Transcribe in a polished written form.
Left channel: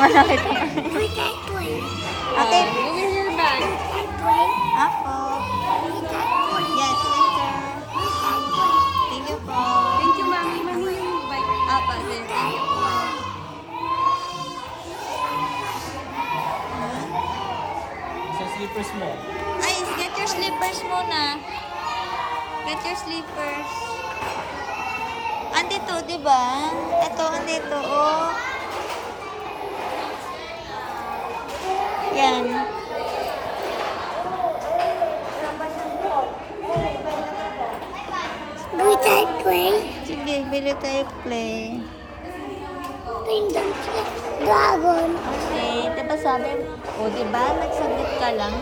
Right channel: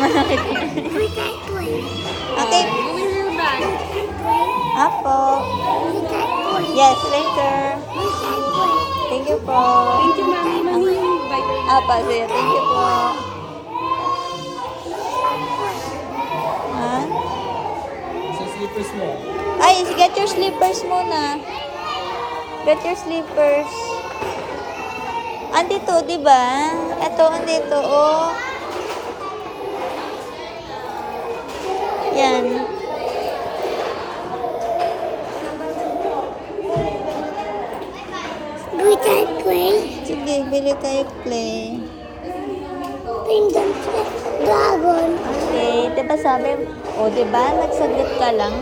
malaki pa. With that toy. Okay. Bumili na ba? That toy. Apo. With that toy. Yes, later. With that toy. Thank you po. Thank you, mami. Bye. Apa, sige. Thank you po. Ha? Sa slippers mo. Ay, get your slippers muna. Get your slippers. Andito, di ba? Ito, andito, oh. Yan. With that toy. Sige, bili tayo play. Kingdom Dragon. Okay, diba sabi, o diba, nagsagot ka lang,